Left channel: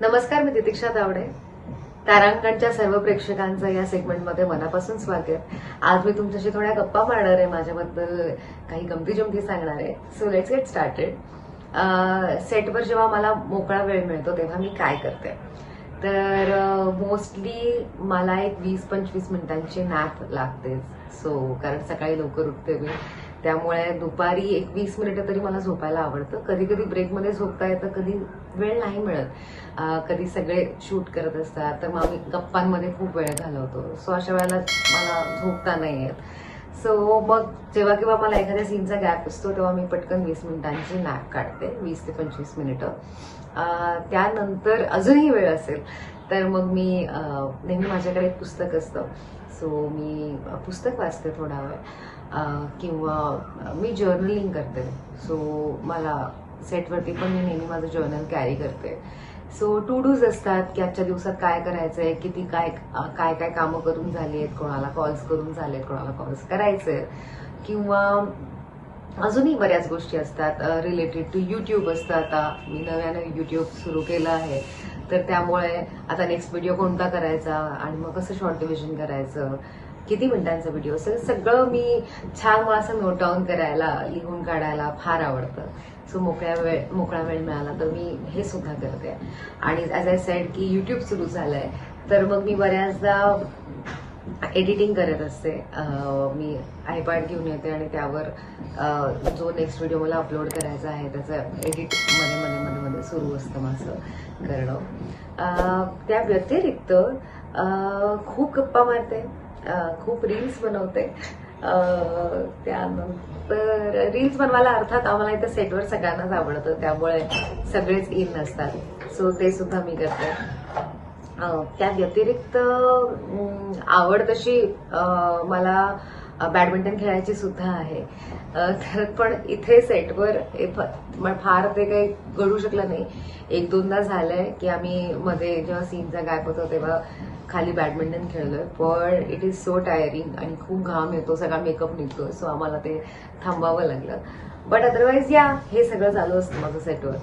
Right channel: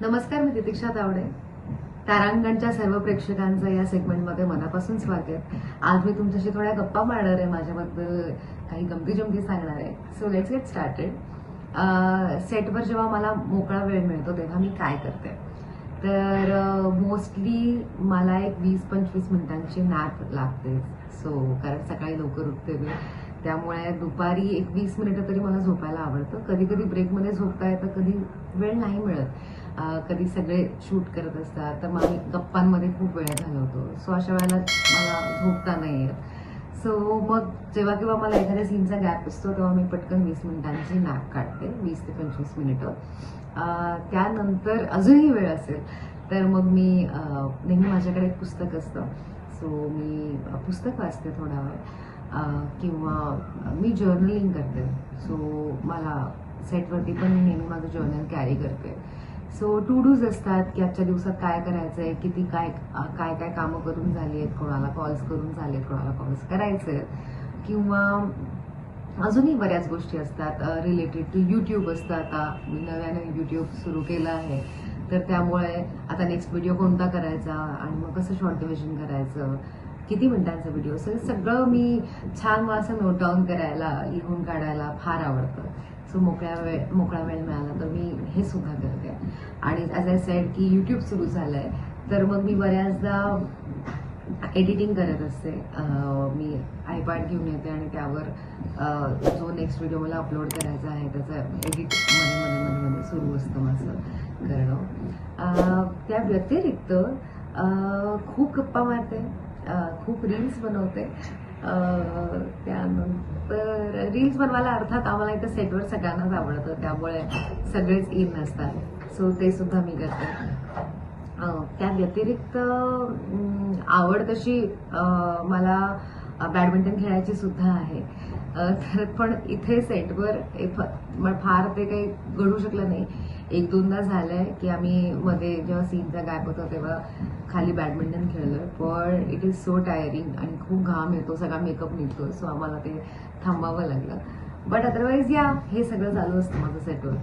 नमस्कार मी तितिक्षा तावडे. तारांगणच्या सर्व प्रेक्षकांचं या सेगमेंटमध्ये मनापासून स्वागत. आज मी तुमच्याशी थोड्या गप्पा मारणार आहे माझ्याबद्दल काही गमती जमती सांगणार आहे. सो लेट्स गेट स्टार्टेड सेटवर जेव्हा मला मोकळा वेळ मिळतो तेव्हा मी काय करते? तर मोस्टली मला एक वीस पंचवीस मिनिटांची नॅप लागते सो कारण सकाळी लवकर उठते मी. त्यामुळे दुपारी एक वीस मिनिटं तरी मला झोपायला आवडतं. कधी कधी ब्रेकमध्ये झोपता येतं कधी वेळ नाही मिळत. कधी सगळे शूट करत असतात तर मग आम्ही गप्पांमध्ये खूप वेळ घालवतो. सो अशा वेळेला मला झोपता नाही येत. सो मग जेव्हा केव्हा मला एखाद्या सीनचा गॅप असतो तेव्हा मी पटकन वीस मिनिटांची नॅप काढते वीस ते पंचवीस मिनिटं. त्यानंतर अजूनही वेळ असेल तर मग मी नेहमी माझ्याकडे एक पुस्तक असतं. सो मी पुस्तक वाचते थोडा वेळ. किंवा मी जर्नलिंग करते. सो मला सेटवरती पण मी नेहमी माझं जर्नल कॅरी करते. सो टू डूज असतात की आजच्या दिवसात काय करायचं आहे किती काय काय काय कामं करून झाली आहेत कोणाला कॉल्स करून झाले आहेत कोणाला कॉल्स करायचे आहेत किंवा अजूनही बऱ्याच गोष्टी असतात रिलेटेड टू यूट्यूब असतं. आता मी नव्यानं यूट्यूब सुरू केलं आहे. तर त्यामुळे आता नेक्स्ट व्हिडिओ कोणता करायचा आणि मग कसं शॉर्ट डिव्हिजन करायचं? किती मिनिटांचा व्हिडिओ सगळं सगळं मी छान मला असं नोट डाऊन करायला लिहून काढायला फार आवडतं. सो मोकळ्या वेळ मोकळा वेळ मिळाला तर मी हे सुद्धा करते. आणि ॲज आय सेड की यूट्यूब सुरू झालं आहे तर मग मी बऱ्याचदा एडिटिंग करत असते. मी आयपॅड घेऊन येते आणि त्यावर जो नेक्स्ट व्हिडिओ मला अपलोड करायचा आहे त्याचं एडिटमध्ये मध्ये मध्ये मध्ये सुरू असतं माझं करणं. त्या व्यतिरिक्त खूप गप्पा मारते. खूप रील्स बनवते. त्यानंतर रील्स बनवायला अर्थात आम्हाला इथं सेटवर सगळ्यांनाच आवडतं. त्यामुळे सगळेच इन नसतात सो ते सुद्धा मी करते. त्या व्यतिरिक्त आवड तशी मला बॅडमिंटन खेळायची सुद्धा आहे. अं, तर पण इथे सेटवर हे फ- फार ते काही घडू शकलं नाही. एक दोनदा झालंय की आम्ही मध्ये जेव्हा सीनचा गॅप होतो तेव्हा खाली बॅडमिंटन खेळलोय. पण इट इज सो टायरिंग आणि खूप घाम येतो सगळा मेकअप निघतो सो आम्हाला ते थांबावं लागलं. बट अदरवाईज या हे सगळं चालू असतं माझं सेटवर